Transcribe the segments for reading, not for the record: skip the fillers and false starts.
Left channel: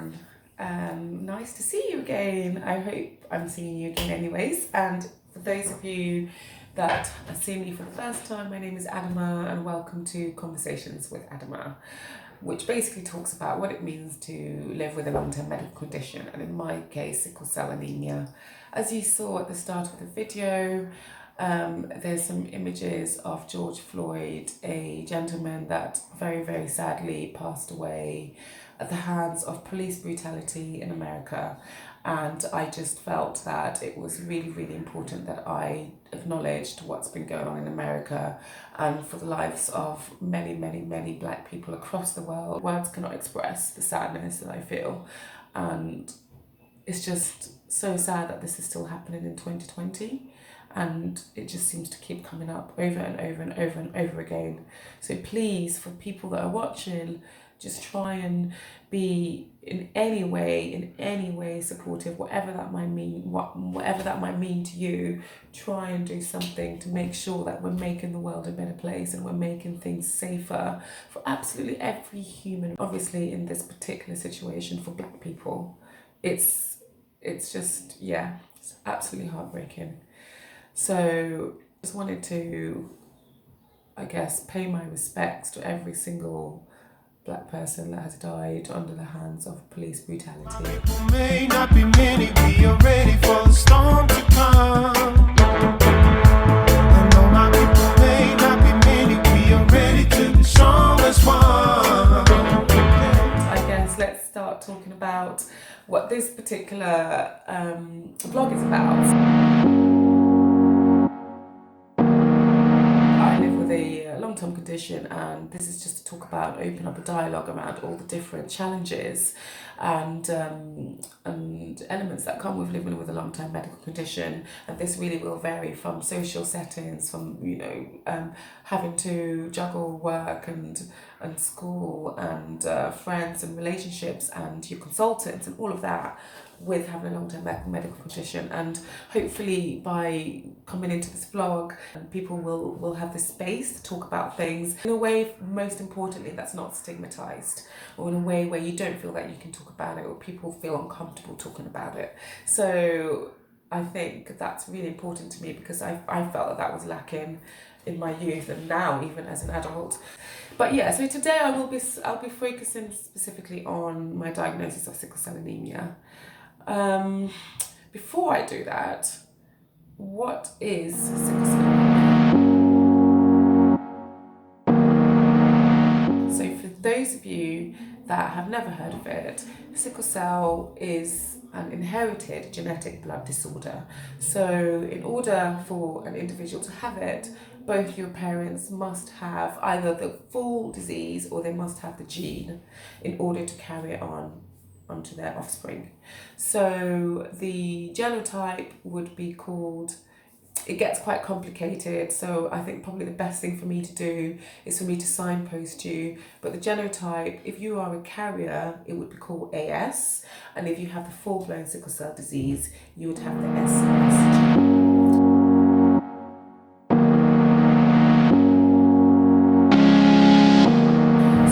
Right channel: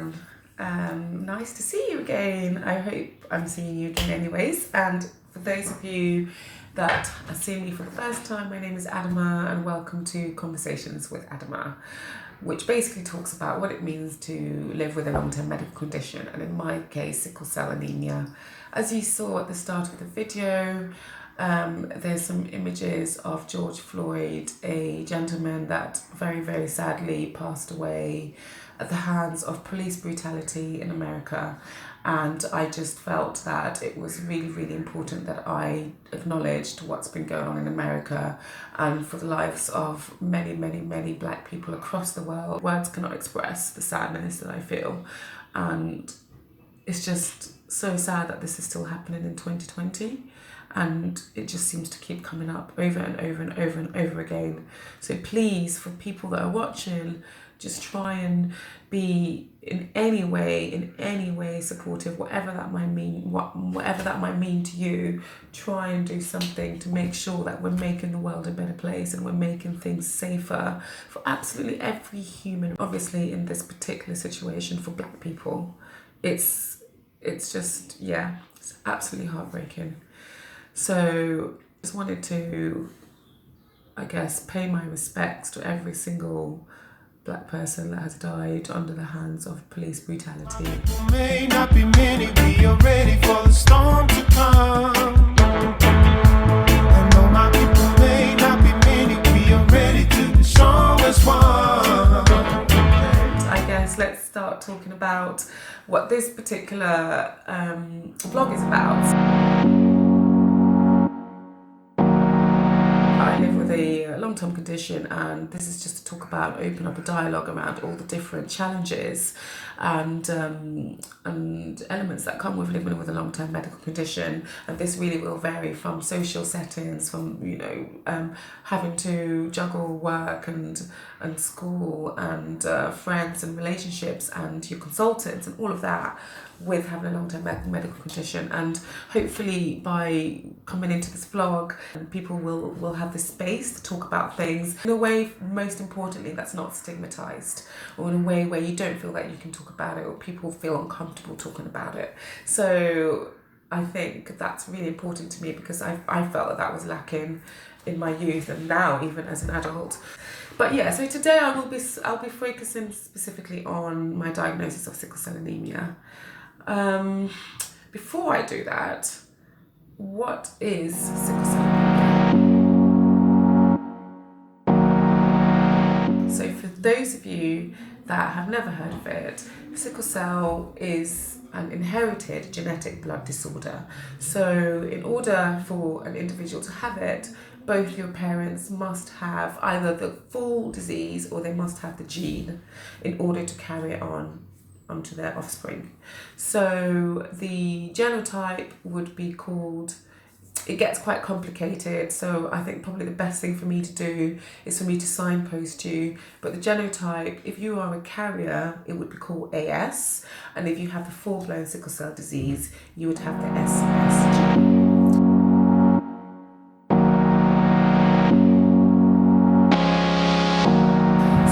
everyone. Nice to see you again. I hope I'm seeing you again anyways. And for those of you that are seeing me for the first time, my name is Adama and welcome to Conversations with Adama, which basically talks about what it means to live with a long-term medical condition, and in my case, sickle cell anemia. As you saw at the start of the video, there's some images of George Floyd, a gentleman that very, very sadly passed away at the hands of police brutality in America. And I just felt that it was really, really important that I acknowledged what's been going on in America and for the lives of many, many, many Black people across the world. Words cannot express the sadness that I feel. And it's just so sad that this is still happening in 2020. And it just seems to keep coming up over and over and over and over again. So please, for people that are watching, just try and be in any way supportive, whatever that might mean, whatever that might mean to you. Try and do something to make sure that we're making the world a better place and we're making things safer for absolutely every human. Obviously, in this particular situation for Black people, it's just, yeah, it's absolutely heartbreaking. So just wanted to, I guess, pay my respects to every single Black person that has died under the hands of police brutality. May not be many, we are ready for the storm to come. I know my people may not be many, we are ready to be strong as one. I guess let's start talking about what this particular vlog is about. I live with a long-term condition, and this is just to talk about, open up a dialogue around all the different challenges and elements that come with living with a long-term medical condition. And this really will vary from social settings, from having to juggle work and school and friends and relationships and your consultants and all of that, with having a long-term medical condition. And hopefully by coming into this vlog, people will have the space to talk about things in a way, most importantly, that's not stigmatized, or in a way where you don't feel that you can talk about it or people feel uncomfortable talking about it. So I think that's really important to me, because I felt that was lacking in my youth and now even as an adult. But yeah, so today I'll be focusing specifically on my diagnosis of sickle cell anemia. Before I do that, what is sickle cell anemia? So for those of you that have never heard of it, sickle cell is an inherited genetic blood disorder. So in order for an individual to have it, both your parents must have either the full disease or they must have the gene in order to carry it on onto their offspring. So the genotype would be called, it gets quite complicated, so I think probably the best thing for me to do is for me to signpost you. But the genotype, if you are a carrier, it would be called AS, and if you have the full-blown sickle cell disease, you would have the SS gene.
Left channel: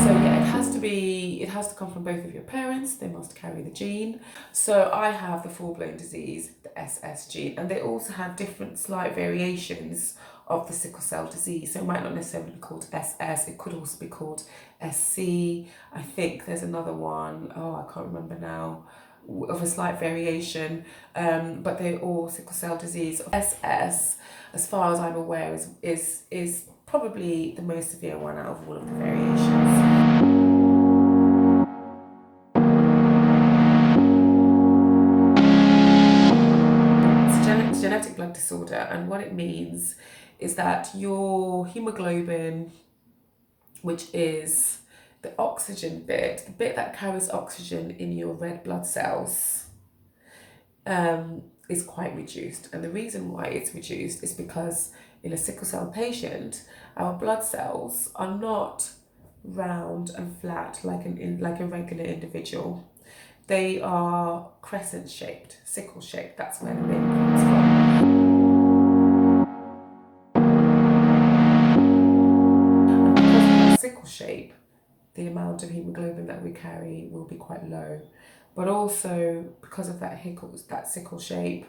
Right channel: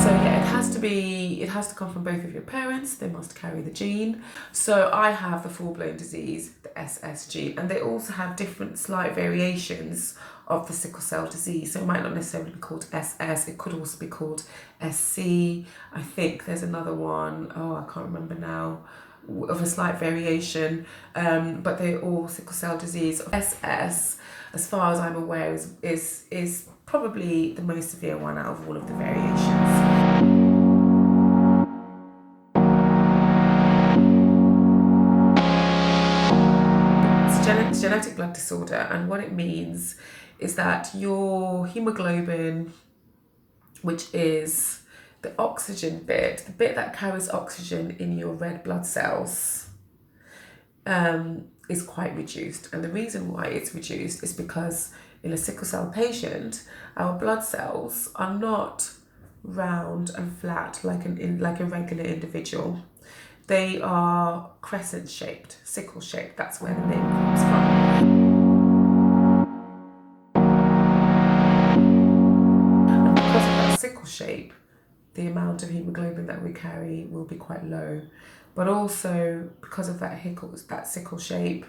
So yeah, it has to come from both of your parents. They must carry the gene. So I have the full-blown disease, the SS gene, and they also have different slight variations of the sickle cell disease. So it might not necessarily be called SS, it could also be called SC. I think there's another one, I can't remember now, of a slight variation, but they're all sickle cell disease. SS, as far as I'm aware, is probably the most severe one out of all of the variations. It's genetic blood disorder, and what it means is that your hemoglobin, which is the oxygen bit, the bit that carries oxygen in your red blood cells, is quite reduced. And the reason why it's reduced is because in a sickle cell patient, our blood cells are not round and flat like a regular individual. They are crescent shaped, sickle shaped. That's where the name comes from. And because of that sickle shape, the amount of hemoglobin that we carry will be quite low. But also because of that sickle shape,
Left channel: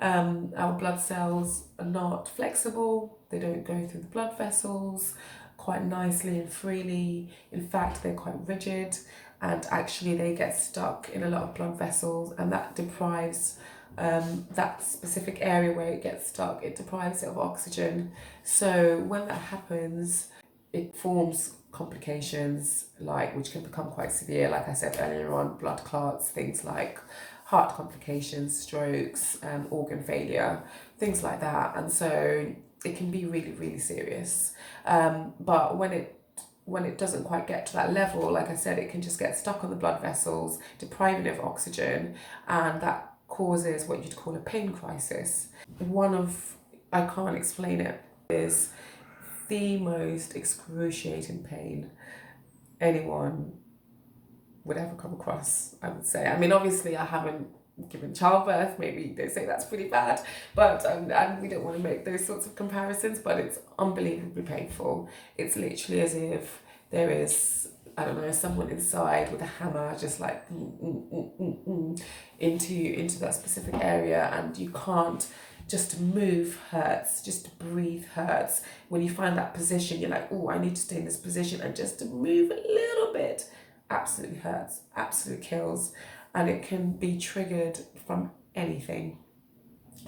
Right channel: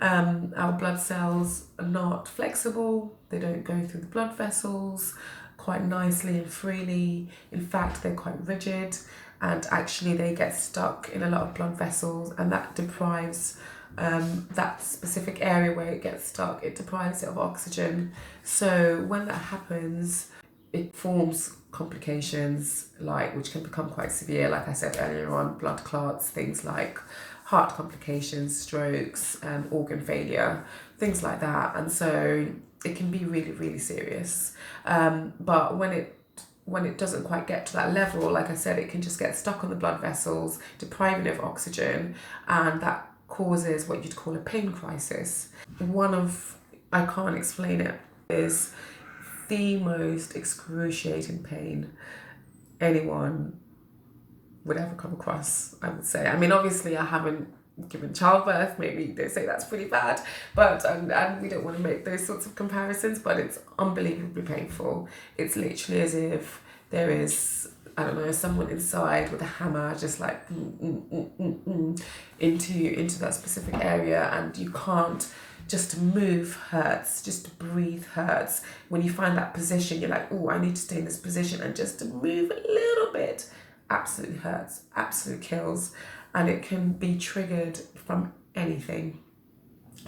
our blood cells are not flexible. They don't go through the blood vessels quite nicely and freely. In fact, they're quite rigid, and actually they get stuck in a lot of blood vessels, and that deprives that specific area where it gets stuck, it deprives it of oxygen. So when that happens, it forms complications which can become quite severe, like I said earlier on, blood clots, things like heart complications, strokes, organ failure, things like that. And so it can be really, really serious. But when it doesn't quite get to that level, like I said, it can just get stuck on the blood vessels, depriving it of oxygen, and that causes what you'd call a pain crisis. I can't explain it, is the most excruciating pain anyone would ever come across, I would say. I mean, obviously I haven't given childbirth, maybe they say that's pretty bad, but and we don't want to make those sorts of comparisons, but it's unbelievably painful. It's literally as if there is, I don't know, someone inside with a hammer just like into that specific area, and you can't, just to move hurts, just to breathe hurts. When you find that position, you're like, oh, I need to stay in this position, and just to move a little bit absolutely hurts, absolutely kills, and it can be triggered from anything.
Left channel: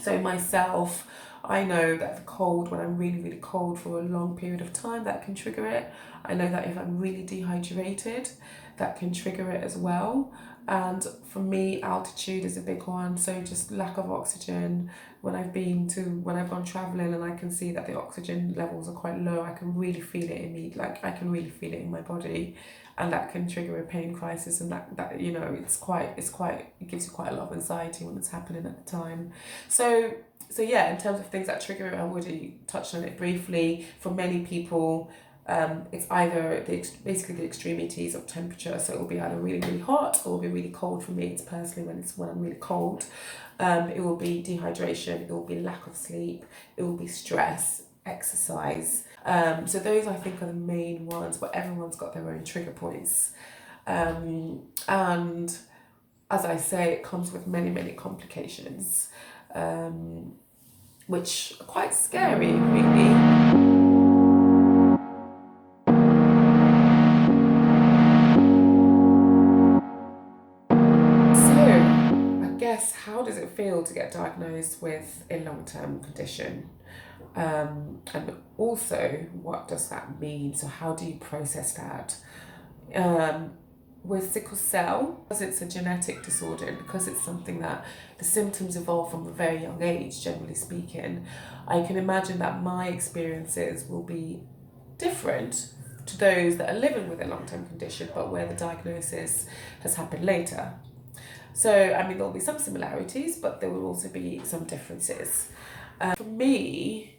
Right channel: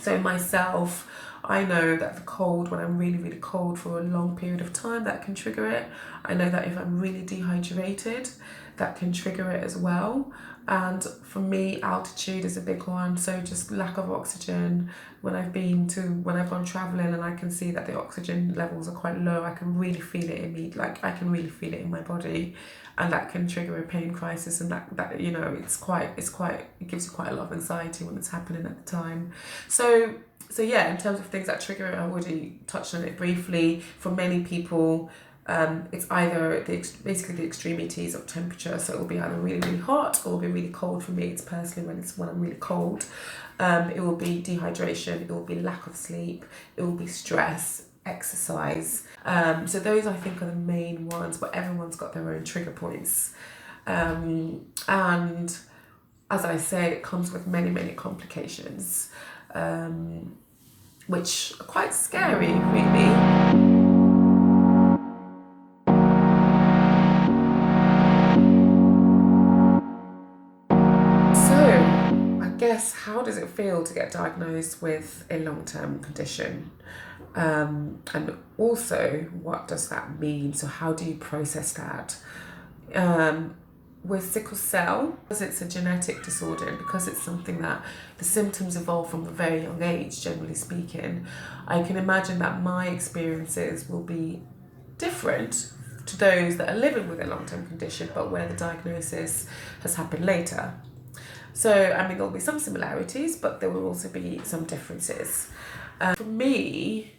So myself, I know that the cold, when I'm really, really cold for a long period of time, that can trigger it. I know that if I'm really dehydrated, that can trigger it as well. And for me, altitude is a big one. So just lack of oxygen. When I've gone traveling and I can see that the oxygen levels are quite low, I can really feel it in me. Like I can really feel it in my body, and that can trigger a pain crisis. And that it gives you quite a lot of anxiety when it's happening at the time. So yeah, in terms of things that trigger it, I already touched on it briefly. For many people, it's either basically the extremities of temperature. So it will be either really, really hot, or it will be really cold. For me, it's personally when I'm really cold. It will be dehydration, it will be lack of sleep, it will be stress, exercise. So those, I think, are the main ones, but everyone's got their own trigger points. And as I say, it comes with many, many complications, which are quite scary, really. Guess, how does it feel to get diagnosed with a long-term condition? And also, what does that mean? So how do you process that? With sickle cell, because it's a genetic disorder, and because it's something that the symptoms evolve from a very young age, generally speaking, I can imagine that my experiences will be different to those that are living with a long-term condition, but where the diagnosis has happened later. So, I mean, there'll be some similarities, but there will also be some differences. For me,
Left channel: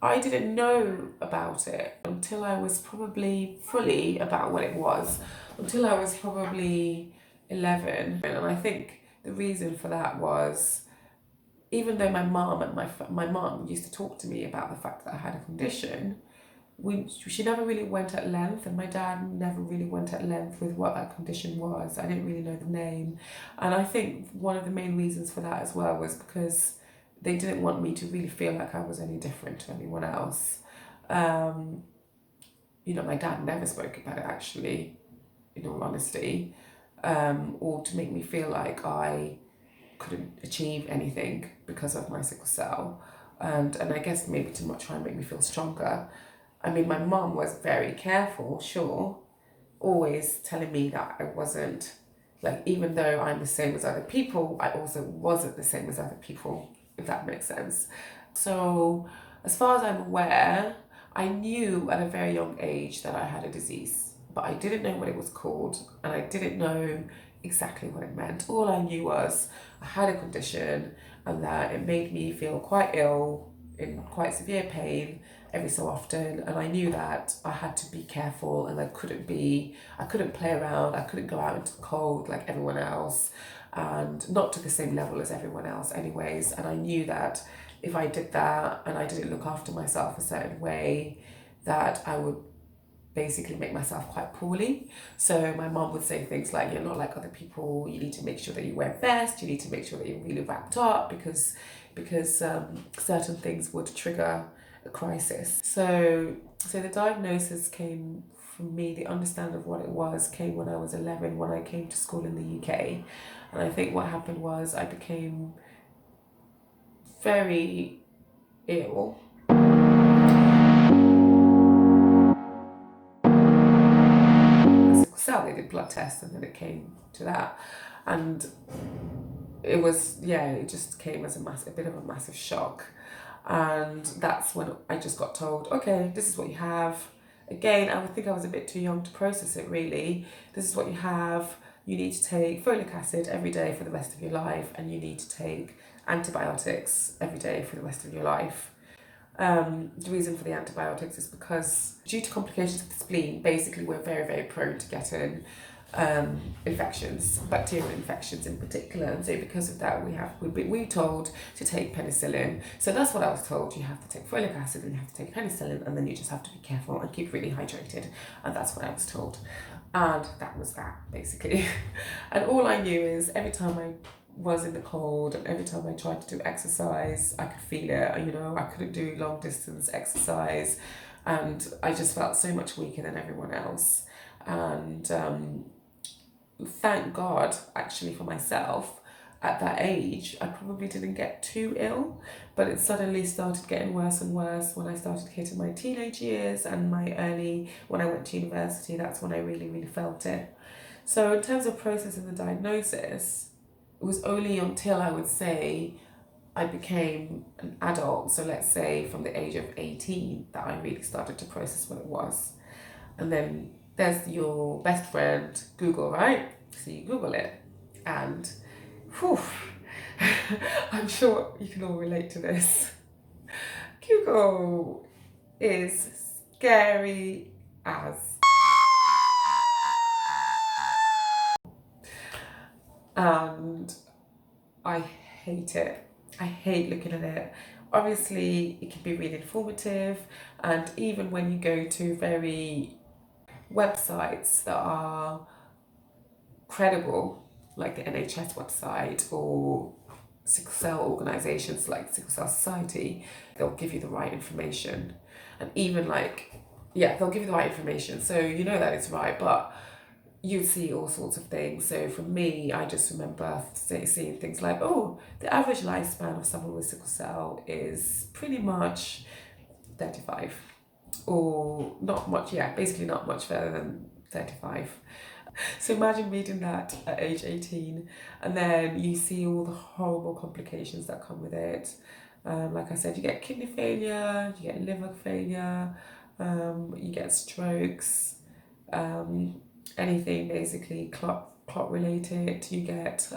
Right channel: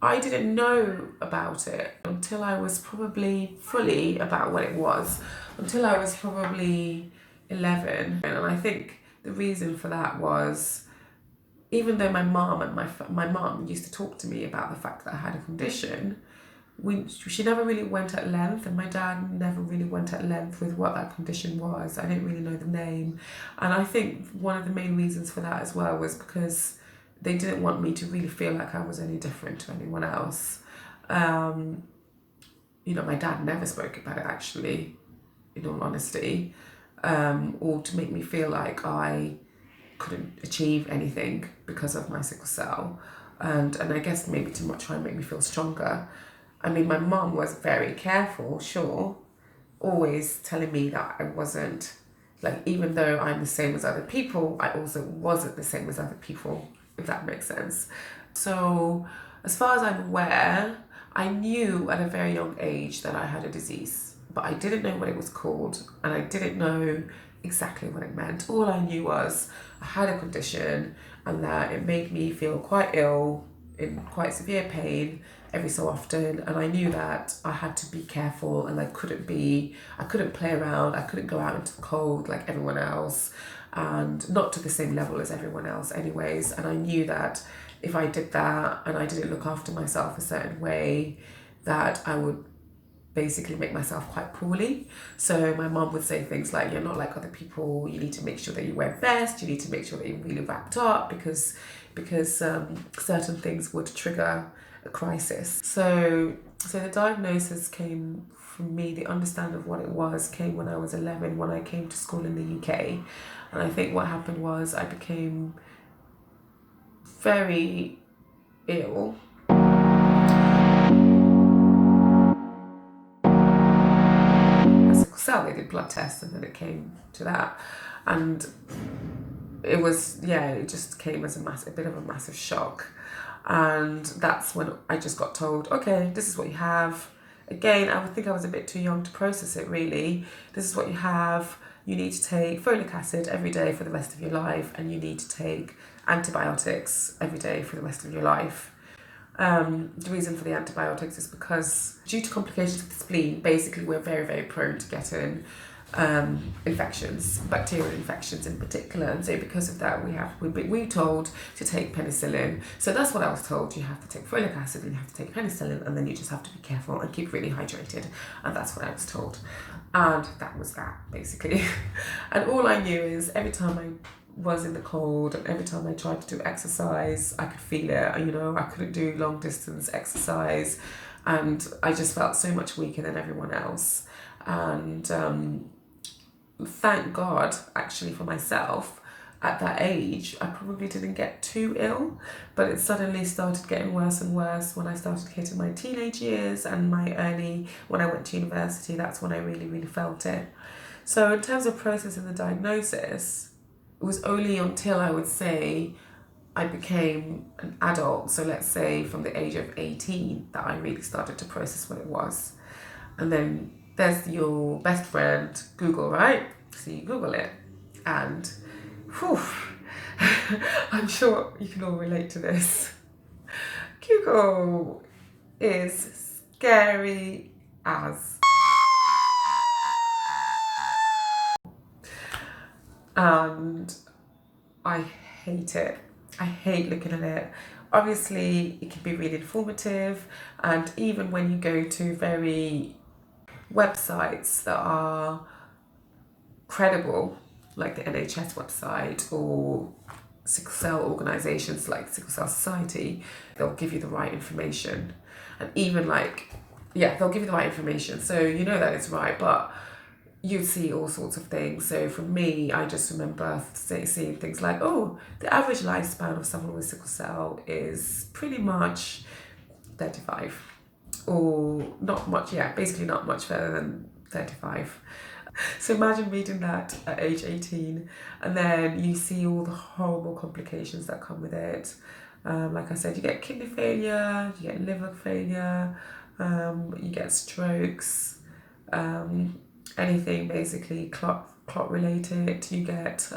I didn't know about it until I was probably fully about what it was, until I was probably 11. And I think the reason for that was, even though my mom used to talk to me about the fact that I had a condition, she never really went at length, and my dad never really went at length with what that condition was. I didn't really know the name. And I think one of the main reasons for that as well was because they didn't want me to really feel like I was any different to anyone else. My dad never spoke about it, actually, in all honesty, or to make me feel like I couldn't achieve anything because of my sickle cell. And I guess maybe to try and make me feel stronger. I mean, my mom was very careful, sure, always telling me that I wasn't, even though I'm the same as other people, I also wasn't the same as other people, if that makes sense. So, as far as I'm aware, I knew at a very young age that I had a disease, but I didn't know what it was called, and I didn't know exactly what it meant. All I knew was I had a condition, and that it made me feel quite ill, in quite severe pain every so often, and I knew that I had to be careful, and I couldn't play around, I couldn't go out into the cold like everyone else, and not to the same level as everyone else anyways. And I knew that if I did that and I didn't look after myself a certain way, that I would basically make myself quite poorly. So my mom would say things like, you're not like other people, you need to make sure that you wear a vest, you need to make sure that you're really wrapped up because certain things would trigger a crisis. So the diagnosis came from me, the understanding of what it was came when I was 11, when I came to school in the UK. And I think what happened was I became very ill. Sickle cell, they did blood tests and then it came to that. And it was, yeah, it just came as a bit of a massive shock. And that's when I just got told, okay, this is what you have. Again, I would think I was a bit too young to process it really. This is what you have. You need to take folic acid every day for the rest of your life, and you need to take antibiotics every day for the rest of your life. The reason for the antibiotics is because due to complications of the spleen, basically we're very, very prone to getting infections, bacterial infections in particular, and so because of that we're told to take penicillin. So that's what I was told. You have to take folic acid and you have to take penicillin, and then you just have to be careful and keep really hydrated, and that's what I was told. And that was that basically. And all I knew is every time I was in the cold and every time I tried to do exercise, I could feel it. You know, I couldn't do long distance exercise, and I just felt so much weaker than everyone else. And thank God, actually, for myself, at that age, I probably didn't get too ill, but it suddenly started getting worse and worse when I started hitting my teenage years and when I went to university. That's when I really, really felt it. So in terms of processing the diagnosis, it was only until I would say I became an adult, so let's say from the age of 18, that I really started to process what it was. And then there's your best friend, Google, right? So you Google it, and whew, I'm sure you can all relate to this. Google is scary as. And I hate it. I hate looking at it. Obviously, it can be really informative, and even when you go to very websites that are credible, like the NHS website or sickle cell organisations like Sickle Cell Society, they'll give you the right information. And even they'll give you the right information, so you know that it's right, but you'd see all sorts of things. So for me, I just remember seeing things like, oh, the average lifespan of someone with sickle cell is pretty much 35, or not much, basically not much further than 35. So imagine reading that at age 18, and then you see all the horrible complications that come with it. Like I said, you get kidney failure, you get liver failure, you get strokes, anything basically clot related. You get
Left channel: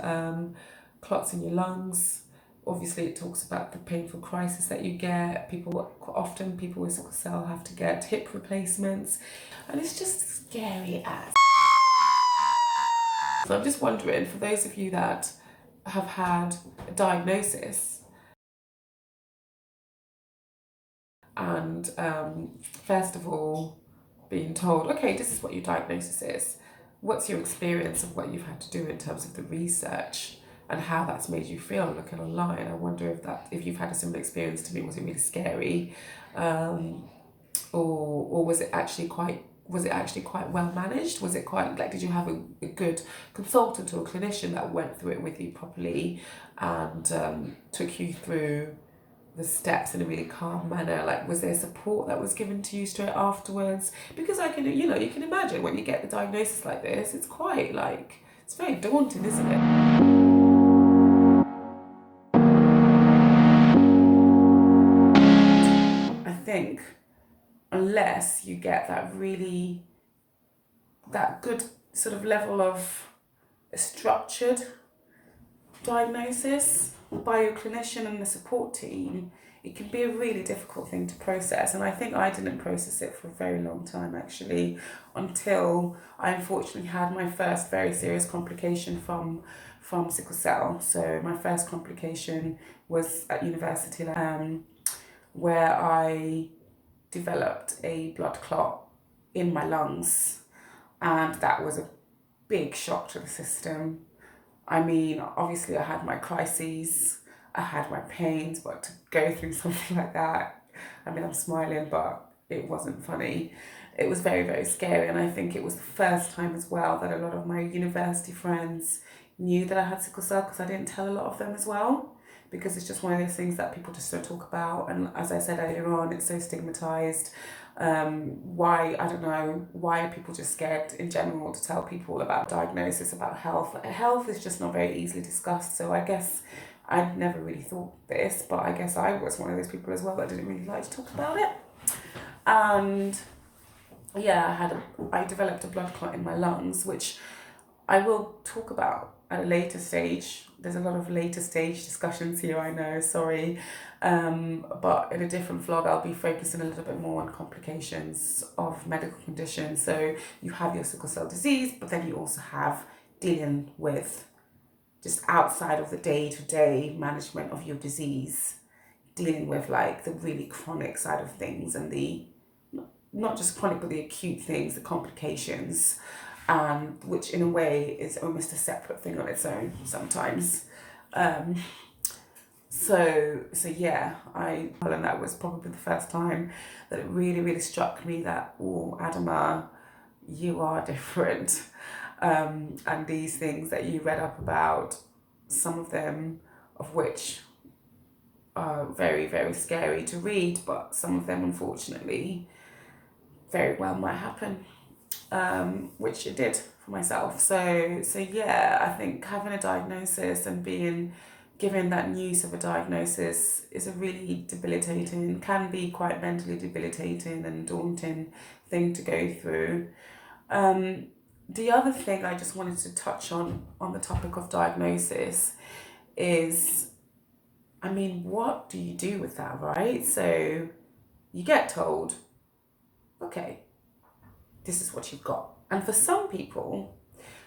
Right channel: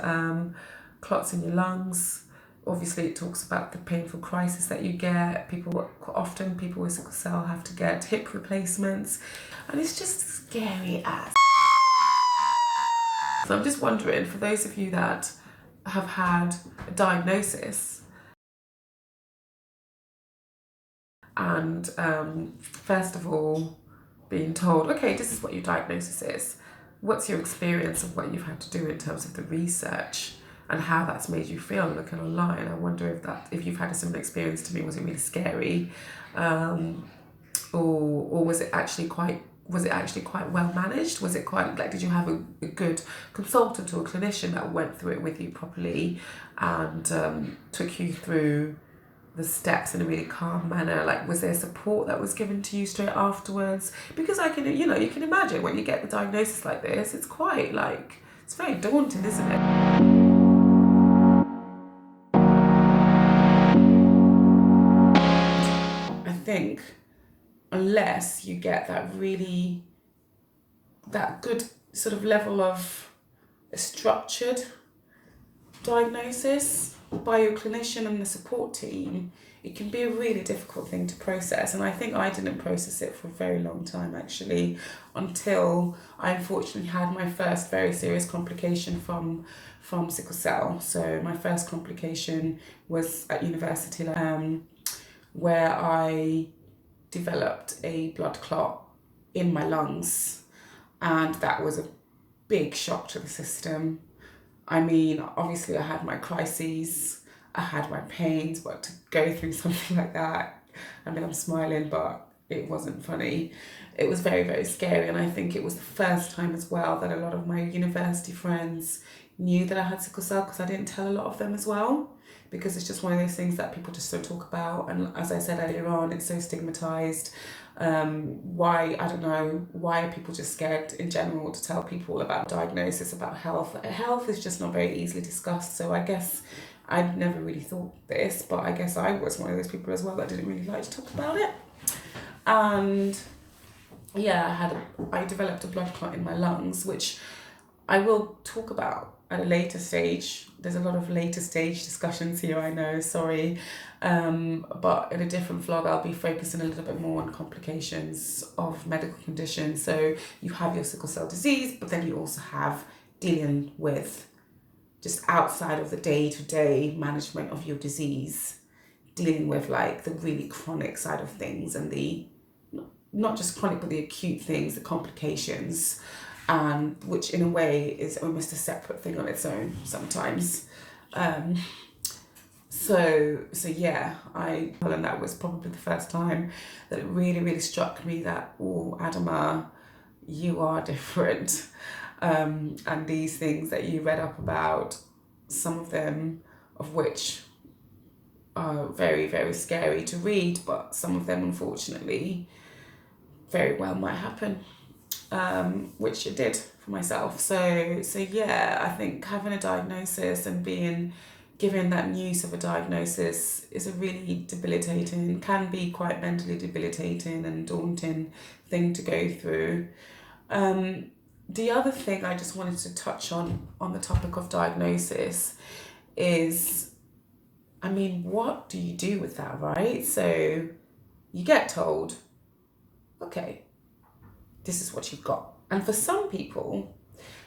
clots in your lungs. Obviously, it talks about the painful crisis that you get. People with sickle cell have to get hip replacements, and it's just scary as. So I'm just wondering, for those of you that have had a diagnosis and first of all being told, okay, this is what your diagnosis is, what's your experience of what you've had to do in terms of the research and how that's made you feel looking online? I wonder if you've had a similar experience to me. Was it really scary, or was it actually quite well managed? Was it quite did you have a good consultant or a clinician that went through it with you properly and took you through the steps in a really calm manner? Was there support that was given to you straight afterwards? Because you can imagine when you get the diagnosis like this, it's quite it's very daunting, isn't it? I think unless you get that good sort of level of a structured diagnosis by your clinician and the support team, it can be a really difficult thing to process. And I think I didn't process it for a very long time actually, until I unfortunately had my first very serious complication from sickle cell. So my first complication was at university, where I developed a blood clot in my lungs, and that was a big shock to the system. I mean, obviously I had my crises, I had my pains, but to go through something like that, I mean, I'm smiling, but it wasn't funny. It was very, very scary. And I think it was the first time as well that a lot of my university friends knew that I had sickle cell, because I didn't tell a lot of them as well. Because it's just one of those things that people just don't talk about. And as I said earlier on, it's so stigmatized. Why, I don't know, why are people just scared in general to tell people about diagnosis, about health? Health is just not very easily discussed. So I guess I'd never really thought this, but I guess I was one of those people as well that didn't really like to talk about it. And yeah, I developed a blood clot in my lungs, which I will talk about at a later stage. There's a lot of later stage discussions here, I know, sorry. But in a different vlog, I'll be focusing a little bit more on complications of medical conditions. So you have your sickle cell disease, but then you also have dealing with just outside of the day-to-day management of your disease, dealing with like the really chronic side of things, and the, not just chronic, but the acute things, the complications, which in a way is almost a separate thing on its own sometimes. So yeah, and that was probably the first time that it really, really struck me that, oh, Adama, you are different. And these things that you read up about, some of them of which are very, very scary to read, but some of them, unfortunately, very well might happen, which it did for myself. So yeah, I think having a diagnosis and being given that news of a diagnosis is a really debilitating, can be quite mentally debilitating and daunting thing to go through. The other thing I just wanted to touch on the topic of diagnosis is, I mean, what do you do with that, right? So you get told, okay, this is what you've got. And for some people,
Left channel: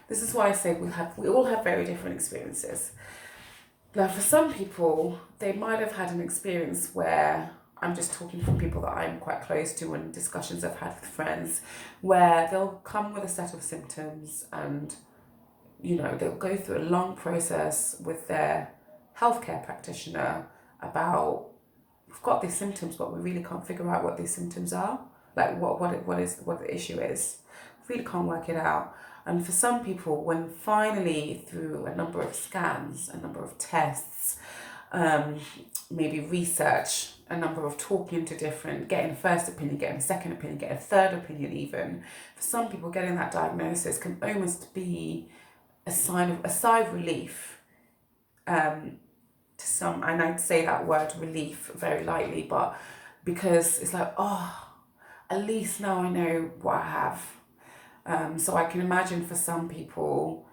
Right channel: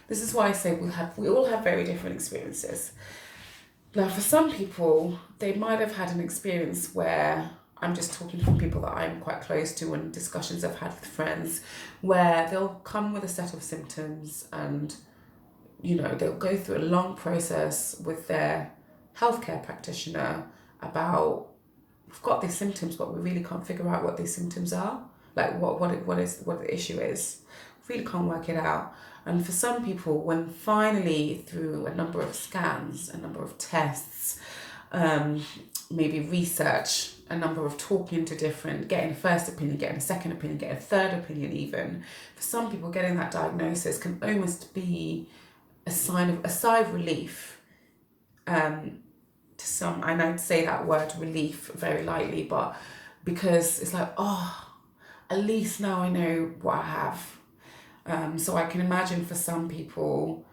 this is why I say we all have very different experiences. Now, for some people, they might have had an experience where, I'm just talking from people that I'm quite close to and discussions I've had with friends, where they'll come with a set of symptoms and, you know, they'll go through a long process with their healthcare practitioner about, we've got these symptoms, but we really can't figure out what these symptoms are, like what the issue is. Really can't work it out. And for some people, when finally through a number of scans, a number of tests, maybe research, a number of talking to different, getting a first opinion, getting a second opinion, getting a third opinion even, for some people getting that diagnosis can almost be a sigh of relief, to some, and I'd say that word relief very lightly, but because it's like, oh, at least now I know what I have. So I can imagine for some people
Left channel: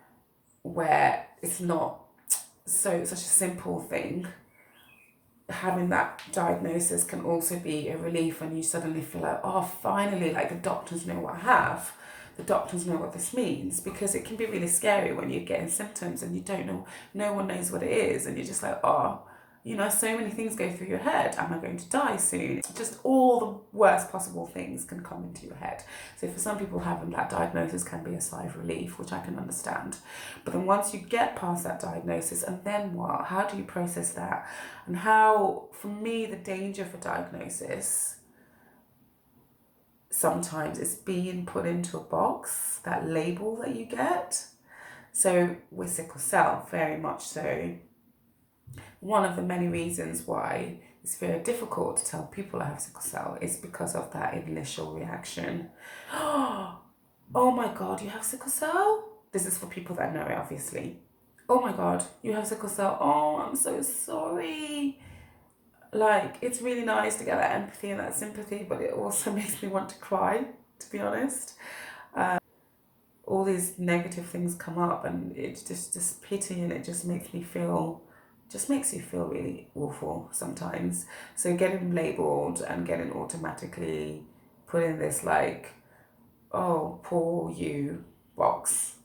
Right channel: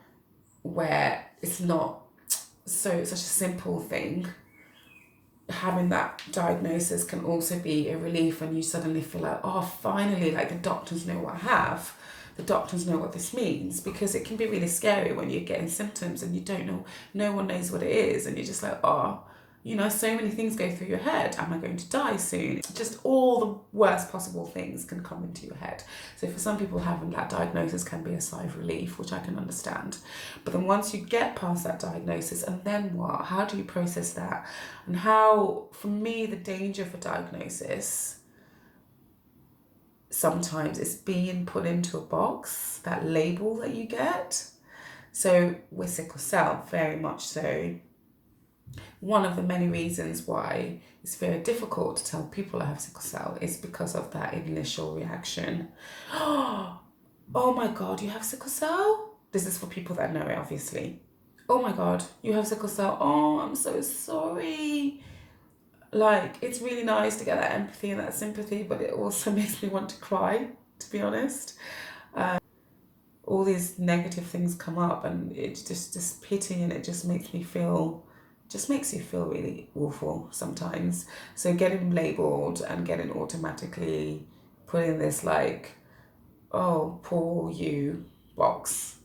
where it's not such a simple thing, having that diagnosis can also be a relief, and you suddenly feel like, oh, finally, like the doctors know what I have. The doctors know what this means, because it can be really scary when you're getting symptoms and you don't know, no one knows what it is, and you're just like, oh, you know, so many things go through your head. Am I going to die soon? Just all the worst possible things can come into your head. So for some people, having that diagnosis can be a sigh of relief, which I can understand. But then once you get past that diagnosis, and then what? How do you process that? And how, for me, the danger for diagnosis sometimes is being put into a box, that label that you get. So with sickle cell, very much so. One of the many reasons why it's very difficult to tell people I have sickle cell is because of that initial reaction. Oh my God, you have sickle cell? This is for people that know it, obviously. Oh my God, you have sickle cell. Oh, I'm so sorry. Like, it's really nice to get that empathy and that sympathy, but it also makes me want to cry, to be honest. All these negative things come up, and it's just pity, and it just makes me feel, just makes you feel really awful sometimes. So getting labelled and getting automatically put in this like, oh, poor you box.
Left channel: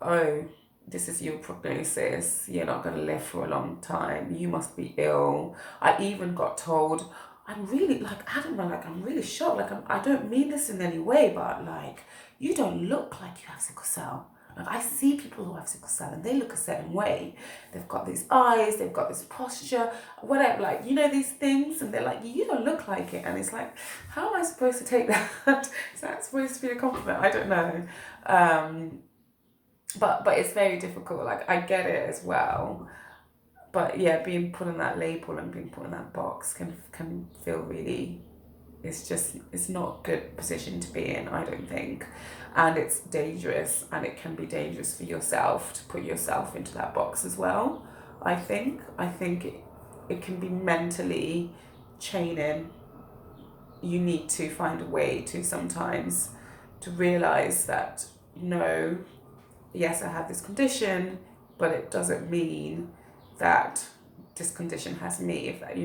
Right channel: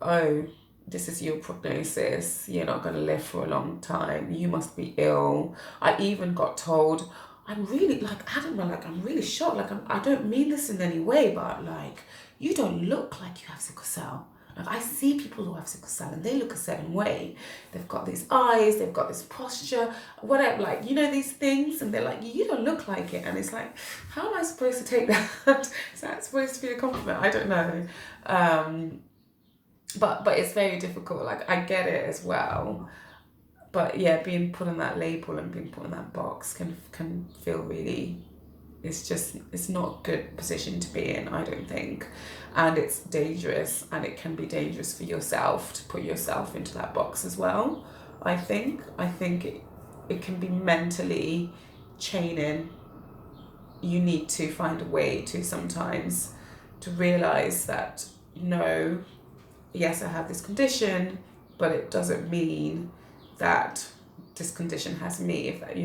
Oh, this is your prognosis. You're not going to live for a long time. You must be ill. I even got told, I'm really, like, Adama, like, I'm really shocked. Like, I don't mean this in any way, but, like, you don't look like you have sickle cell. Like, I see people who have sickle cell and they look a certain way. They've got these eyes, they've got this posture, whatever, like, you know, these things. And they're like, you don't look like it. And it's like, how am I supposed to take that? Is that supposed to be a compliment? I don't know. But it's very difficult. Like, I get it as well. But yeah, being put in that label and being put in that box can feel really, it's not a good position to be in, I don't think. And it's dangerous, and it can be dangerous for yourself to put yourself into that box as well. I think it can be mentally chaining. You need to find a way to sometimes to realize that, no, yes, I have this condition, but it doesn't mean that this condition has me. If that,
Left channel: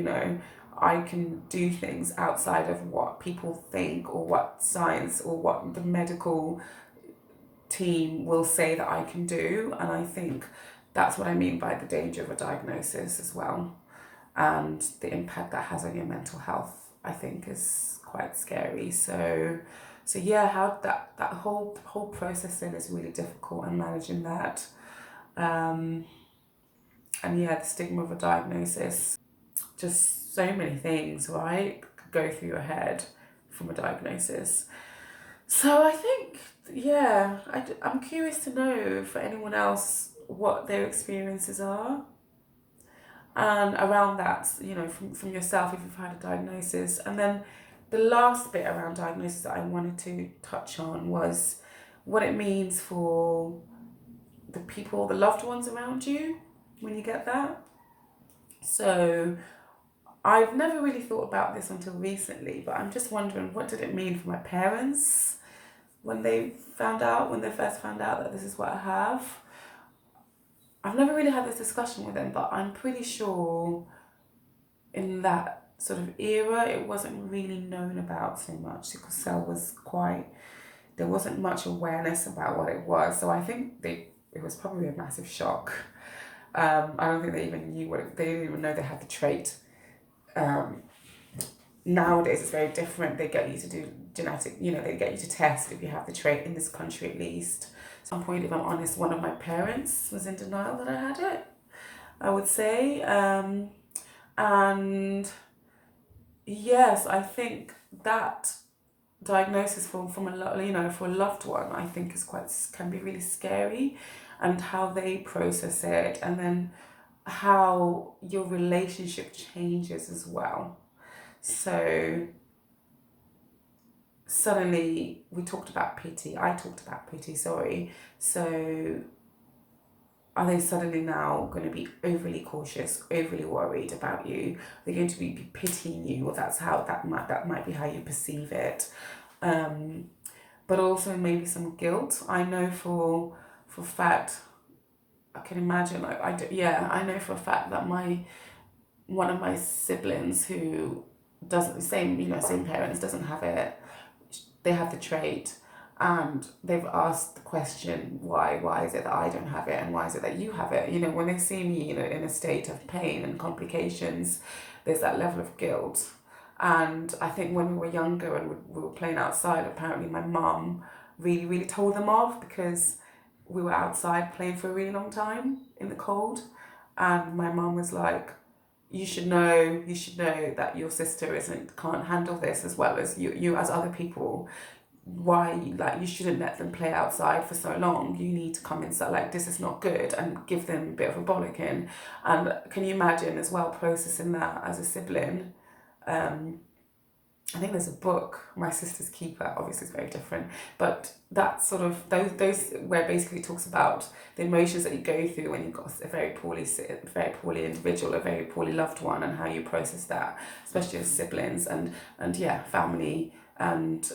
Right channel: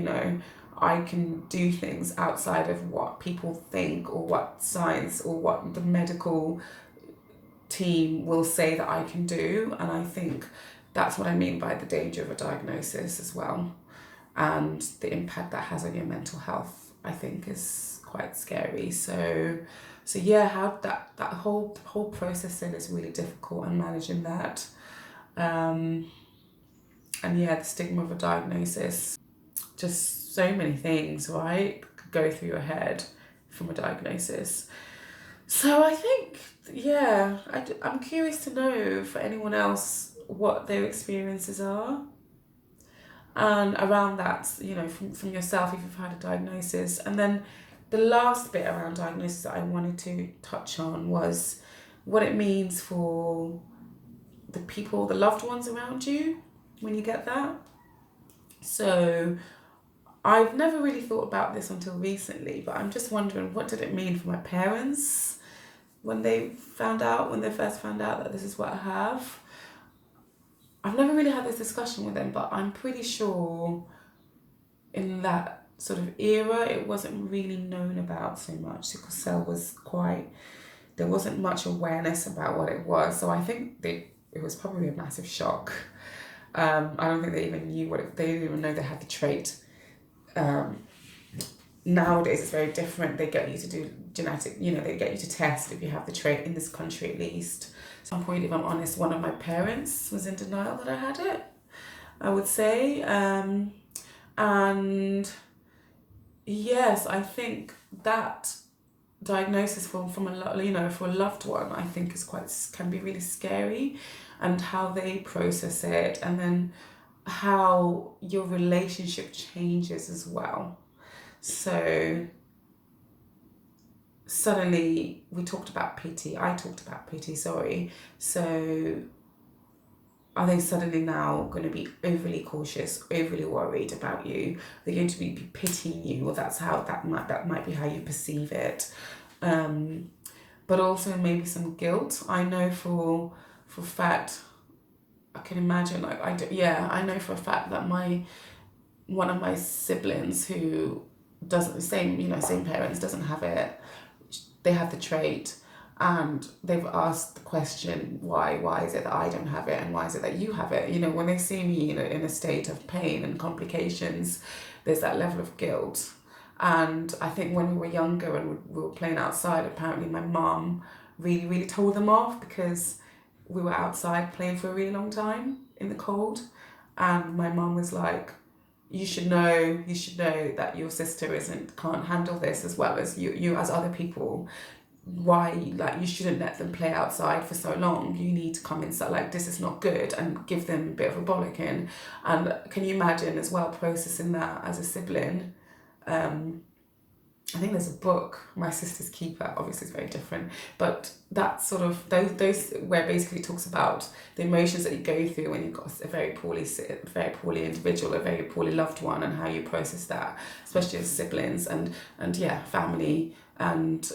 I can do things outside of what people think or what science or what the medical team will say that I can do. And I think that's what I mean by the danger of a diagnosis as well. And the impact that has on your mental health, I think, is quite scary. So yeah, how that whole process then is really difficult, and managing that. And yeah, the stigma of a diagnosis, just so many things, right, could go through your head from a diagnosis. So I think, yeah, I'm curious to know for anyone else what their experiences are. And around that, from yourself, if you've had a diagnosis. And then the last bit around diagnosis that I wanted to touch on was what it means for the people, the loved ones around you when you get that. So I've never really thought about this until recently, but I'm just wondering, what did it mean for my parents when they first found out that this is what I have? I've never really had this discussion with them, but I'm pretty sure in that sort of era, it wasn't really known about so much. Sickle cell there wasn't much awareness about what it was. So I think it was probably a massive shock. I don't think they even knew they didn't even know they had the trait. Nowadays it's very different. They get you to do genetic, they get you to test if you have the trait, in this country at least. At some point, if I'm honest, one of my parents was in denial that I had it, I would say. And yes, I think that diagnosis for a loved one, I think can be really scary, and how they process it, and then how your relationship changes as well. So suddenly I talked about PT, sorry. So are they suddenly now going to be overly cautious, overly worried about you? They're going to be pitying you, or that might be how you perceive it. But also maybe some guilt. I know for a fact, I can imagine, like, I know for a fact that one of my siblings who doesn't, same parents, doesn't have it. They have the trait, and they've asked the question, why is it that I don't have it, and why is it that you have it? When they see me in a state of pain and complications, there's that level of guilt. And I think when we were younger and we were playing outside, apparently my mum really, really told them off, because we were outside playing for a really long time in the cold. And my mum was like, you should know that your sister can't handle this as well as you as other people. Why, like, you shouldn't let them play outside for so long. You need to come inside, like, this is not good, and give them a bit of a bollocking. And can you imagine as well processing that as a sibling? I think there's a book, My Sister's Keeper, obviously it's very different, but that sort of, those where basically it talks about the emotions that you go through when you've got a very poorly individual, a very poorly loved one, and how you process that, especially as siblings and yeah, family. And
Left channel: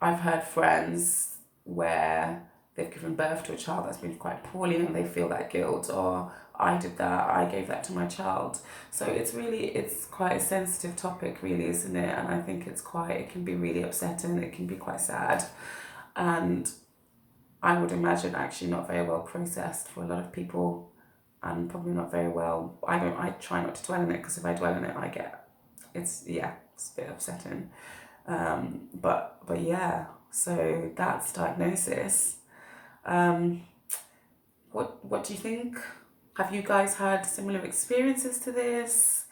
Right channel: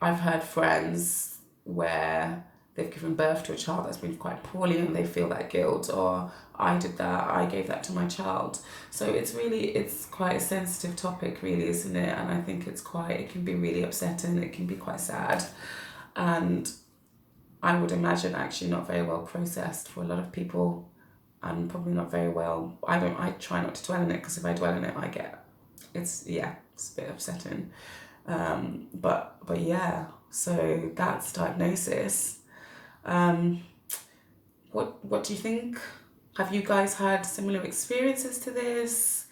I've heard friends where they've given birth to a child that's been quite poorly, and they feel that guilt, or I did that, I gave that to my child. So it's quite a sensitive topic, really, isn't it? And I think it can be really upsetting, it can be quite sad. And I would imagine actually not very well processed for a lot of people, and probably not very well. I try not to dwell in it, because if I dwell in it, I get it's a bit upsetting. But yeah, so that's diagnosis. What do you think? Have you guys had similar experiences to this?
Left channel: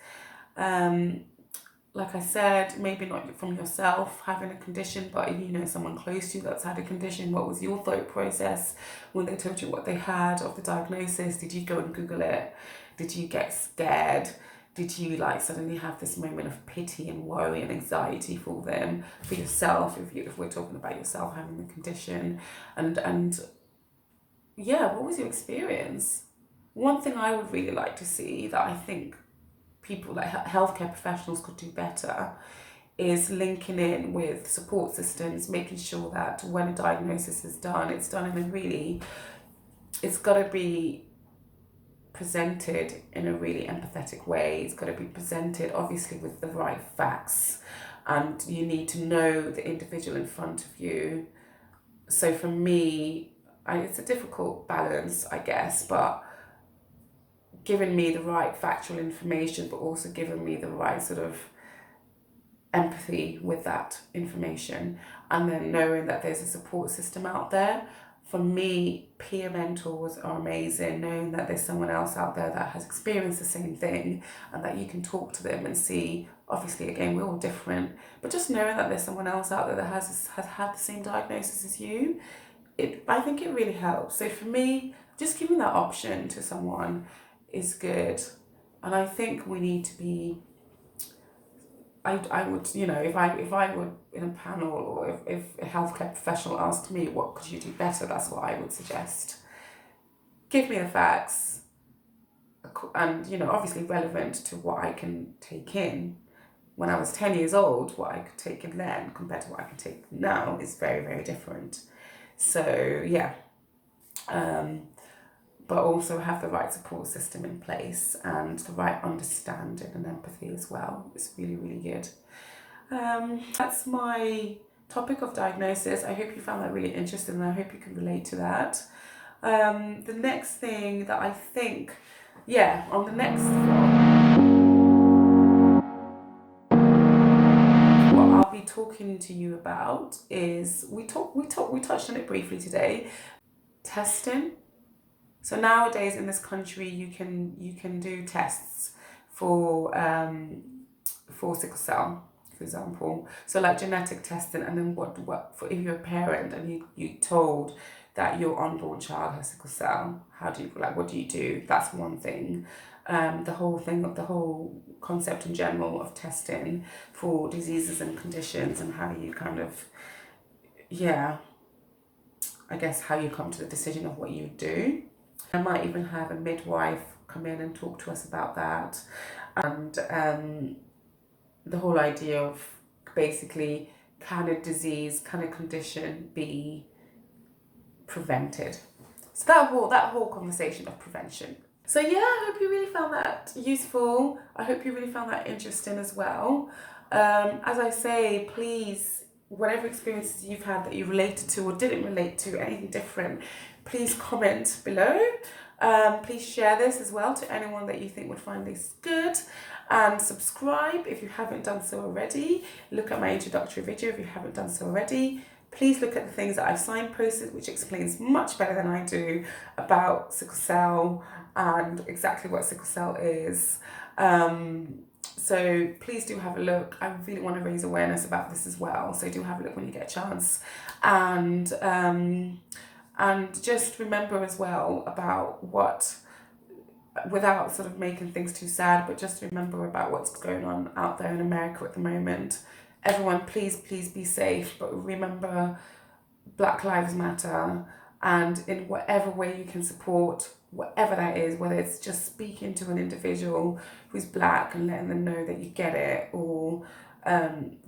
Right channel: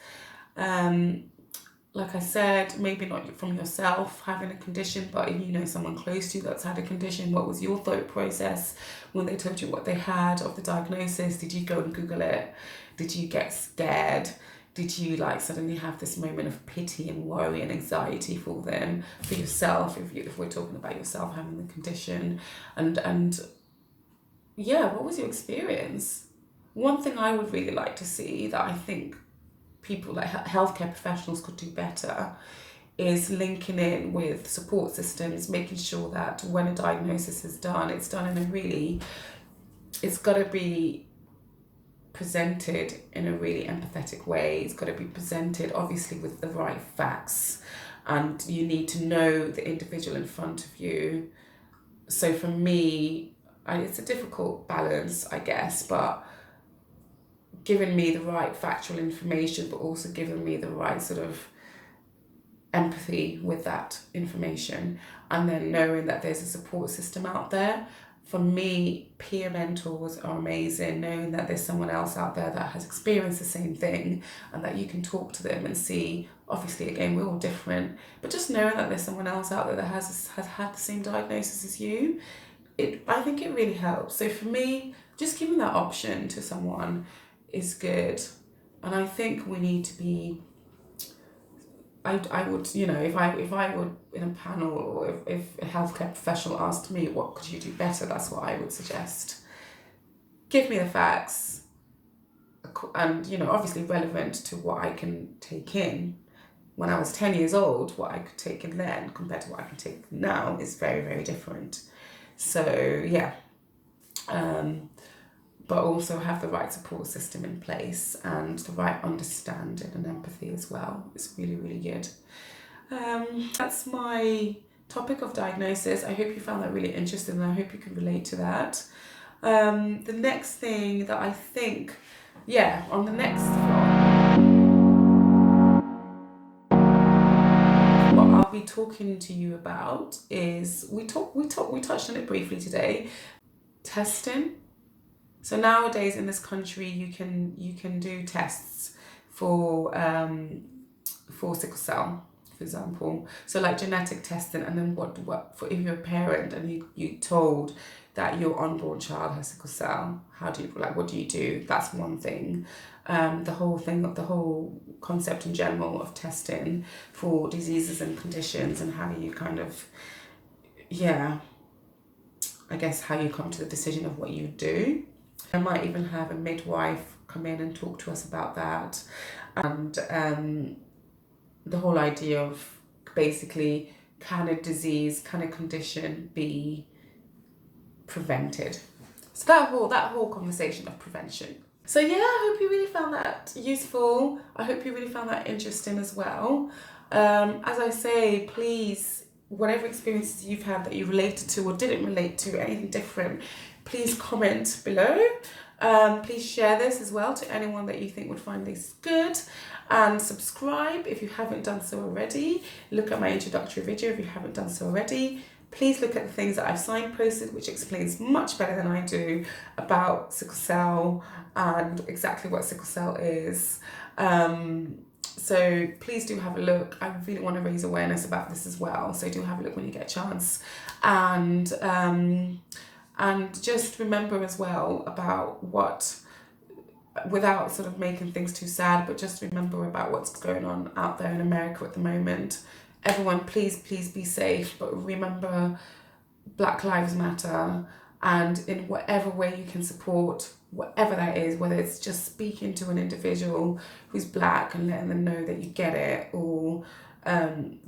Like I said, maybe not from yourself having a condition, but if you know someone close to you that's had a condition, what was your thought process when they told you what they had of the diagnosis? Did you go and Google it? Did you get scared? Did you like suddenly have this moment of pity and worry and anxiety for them, for yourself, if we're talking about yourself having the condition? And yeah, what was your experience? One thing I would really like to see that I think people like healthcare professionals could do better is linking in with support systems, making sure that when a diagnosis is done, it's done in a really, it's got to be presented in a really empathetic way. It's got to be presented obviously with the right facts, and you need to know the individual in front of you. So for me, it's a difficult balance, I guess, but giving me the right factual information, but also giving me the right sort of empathy with that information, and then knowing that there's a support system out there. For me, peer mentors are amazing, knowing that there's someone else out there that has experienced the same thing and that you can talk to them and see, obviously, again, we're all different, but just knowing that there's someone else out there that has had the same diagnosis as you, I think it really helps. So for me, just giving that option to someone is good. And I think we need to be, I would, if I were in a panel, or if a healthcare professional asked me, what could you do better? That's what I would suggest. Give me the facts, and, obviously relevant to what I can take in. When I was 10 years old, what I could take in then compared to what I can take now is very, very different. So, yeah. But also have the right support system in place and the right understanding and empathy as well. It's really, really good. That's my topic of diagnosis. I hope you found that really interesting, and I hope you can relate to that. The next thing that I think, on the next vlog, what I'll be talking to you about is, we touched on it briefly today, testing. So nowadays in this country, you can do tests for sickle cell, for example. So like genetic testing, and then what for if you're a parent and you told that your unborn child has sickle cell, what do you do? That's one thing. The whole concept in general of testing for diseases and conditions, and how you kind of, I guess how you come to the decision of what you do. I might even have a midwife come in and talk to us about that, and the whole idea of basically, can a disease, can a condition be prevented? So that whole conversation of prevention. So I hope you really found that useful. I hope you really found that interesting as well. As I say, please, whatever experiences you've had that you related to or didn't relate to, anything different, please comment below. Please share this as well to anyone that you think would find this good, and subscribe if you haven't done so already. Look at my introductory video if you haven't done so already. Please look at the things that I've signposted, which explains much better than I do about sickle cell and exactly what sickle cell is. So please do have a look. I really want to raise awareness about this as well. So do have a look when you get a chance. And just remember as well about without sort of making things too sad, but just remember about what's going on out there in America at the moment. Everyone, please be safe, but remember, Black Lives Matter, and in whatever way you can support, whatever that is, whether it's just speaking to an individual who's Black and letting them know that you get it, or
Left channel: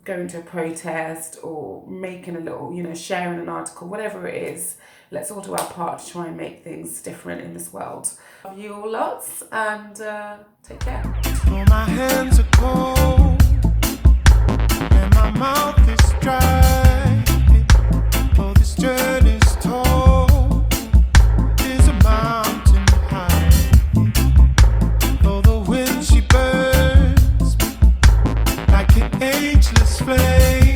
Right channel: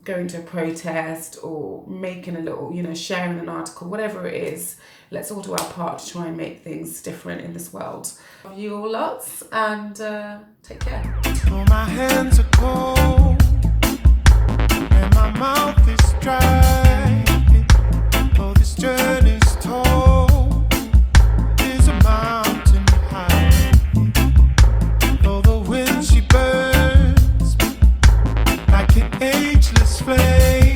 going to a protest, or making a little, sharing an article, whatever it is, let's all do our part to try and make things different in this world. Love you all lots, and take care. Oh, my hands are cold, and my mouth is dry. Oh, this journey's told is a mountain high. Oh, the wind, she burns ageless flame.